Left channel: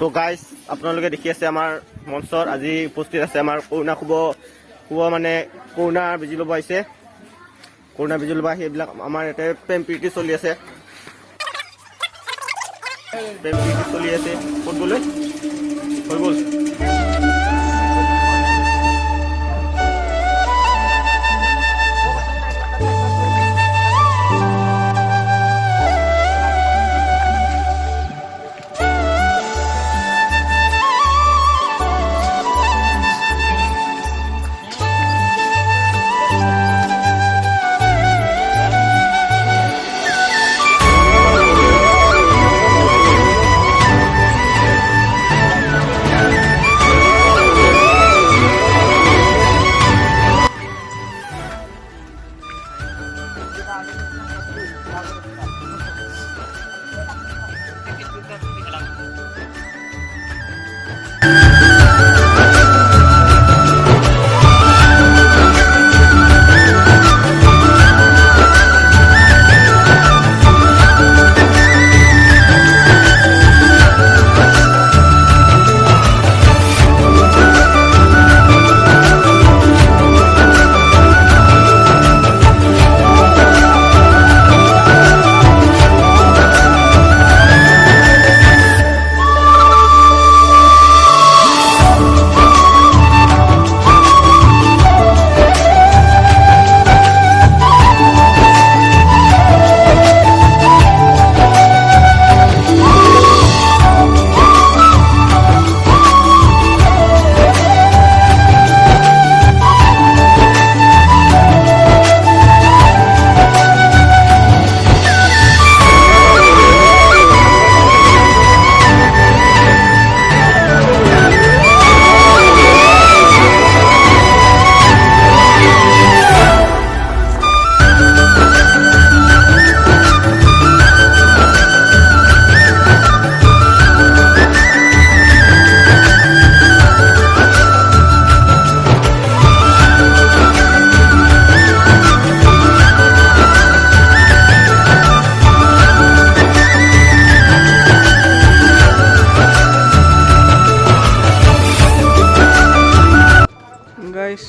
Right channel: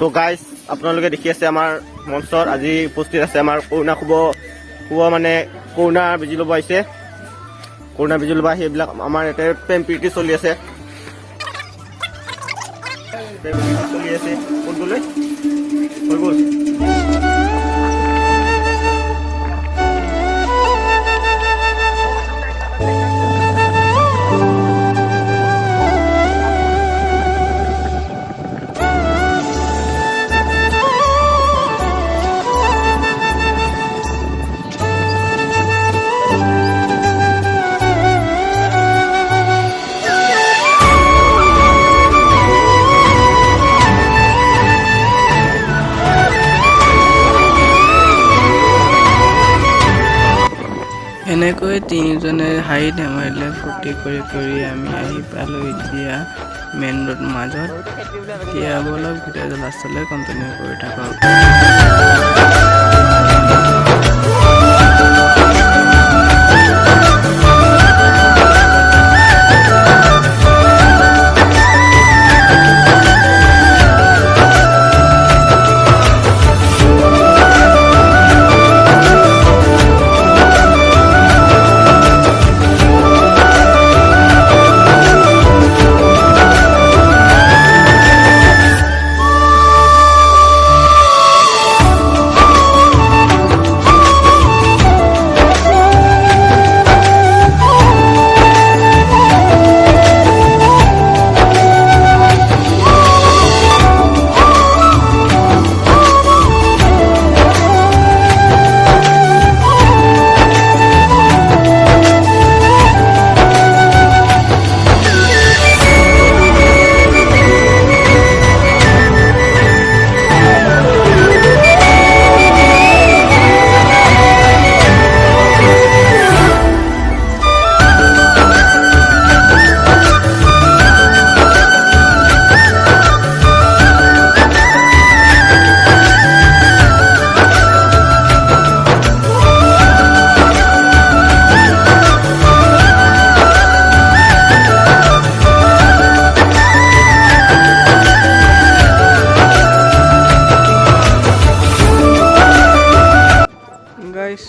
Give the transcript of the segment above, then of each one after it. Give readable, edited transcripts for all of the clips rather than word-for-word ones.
তো গাইজ আপোনালোকে দেখি আছে আমাৰ মঞ্চত আজি উপস্থিত আছে আমাৰ কৰোণা শুভ মানে কৰোণা বেজি ল'ব আহিছে। কৰোণা বেজি ল'ব আহি এইবিলাক আমাৰ ইয়াতে প্ৰেম প্ৰীতি চলি আছে। ক'ত গ'লে হৈ গ'ল। এনেকৈ তিনিজনে হাঁহি ধেমালিলে ফূৰ্তি কৰি আমি আহি পালোঁ এতিয়া মেইন ৰোড মাজত। এতিয়া বলক ভিডিঅ'টো লাষ্টলৈ কণ্টিনিউ কৰি থাকক।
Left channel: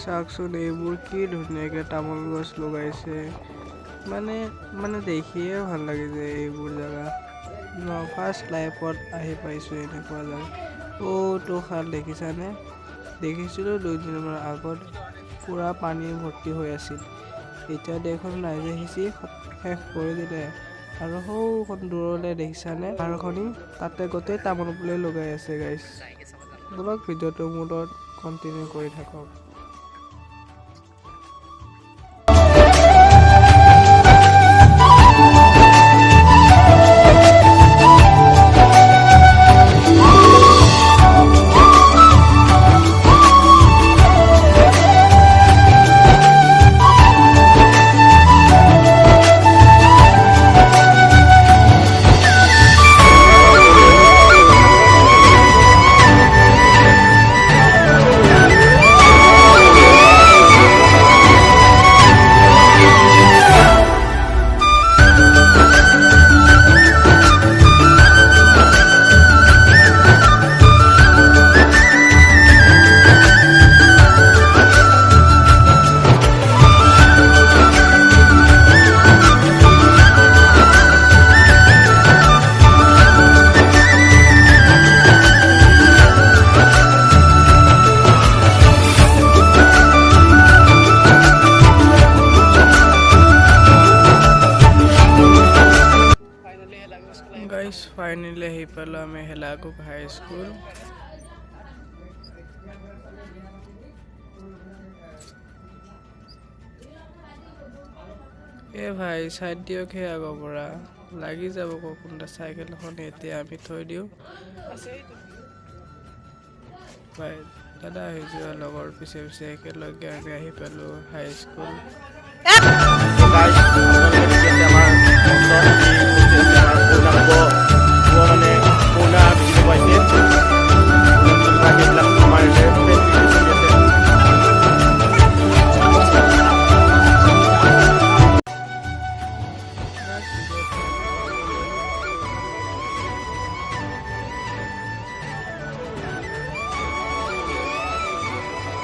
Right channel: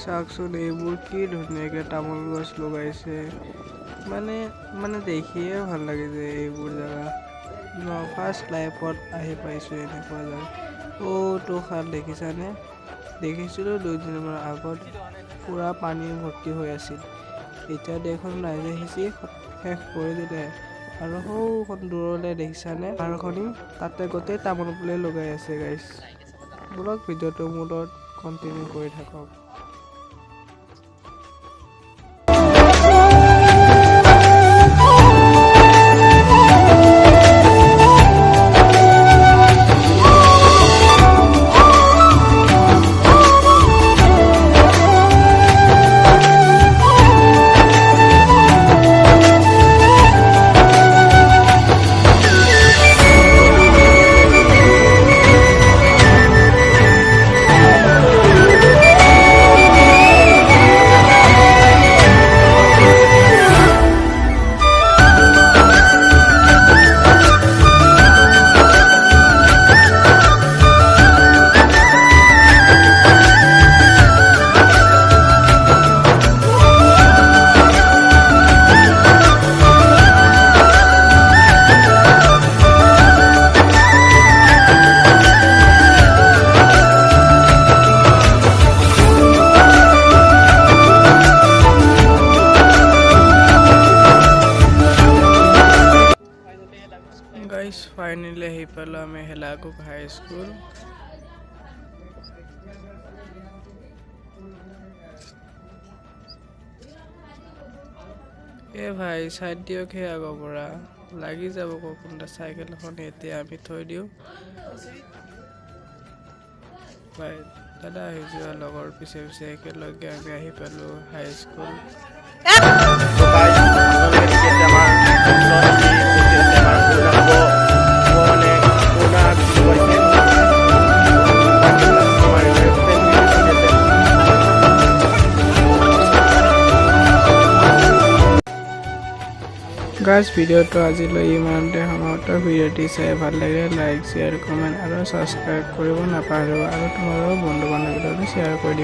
চাওকচোন এইবোৰ কি ধুনীয়াকৈ তামোল গছ লগাইছে, মানে দেখিয়ে ভাল লাগিছে এইবোৰ জেগা। ফাৰ্ষ্ট লাইফত আহি পাইছোঁ এনেকুৱা জেগা। তো খাল দেখিছানে? দেখিছিলোঁ 2 দিনমান আগত পূৰা পানী ভৰ্তি হৈ আছিল। এতিয়া দেখোন ৰাইজে সিঁচি শেষ কৰি দিলে। আৰু সৌখন দূৰলৈ দেখিছানে পাহাৰখনি? তাতে গোটেই তামোল পুলি লগাই আছে গাইছ। বলক ভিডিঅ'টো মোৰ লগত কণ্টিনিউ কৰি থাকক। ফাইনেলি আহি পালোঁ আমি হেলাকুক হাই স্কুল। ভাই চাইড দিয়ক, সেই আগৰ পৰা লাগি যাব কোনটা চাইকেলখন। এতিয়া আমি থৈ দিওঁ ভাই। দাদা আহি যোৱা লগৰ পিছে পিছে একেলগে আমি আহি পালোঁ হাই স্কুল। আপোনালোকে দেখি আছে আমাৰ মঞ্চত আজি উপস্থিত আছে আমাৰ কৰোণা শুভ মানে কৰোণা বেজি ল'ব আহিছে। আমাৰ ইয়াতে প্ৰেম প্ৰীতি চলি আছে। গাইজ ভিডিঅ'টো আজিলৈ ইমানতে সমাপ্ত আৰু ভিডিঅ'টি চাই ভাল লাগিলে লাইক শ্বেয়াৰ কমেণ্ট আৰু ছাবস্ক্ৰাইব কৰিব নাপাহৰিব আৰু তোমালোকৰ বন্ধু বান্ধৱীৰ লগত শ্বেয়াৰ কৰি দিবা।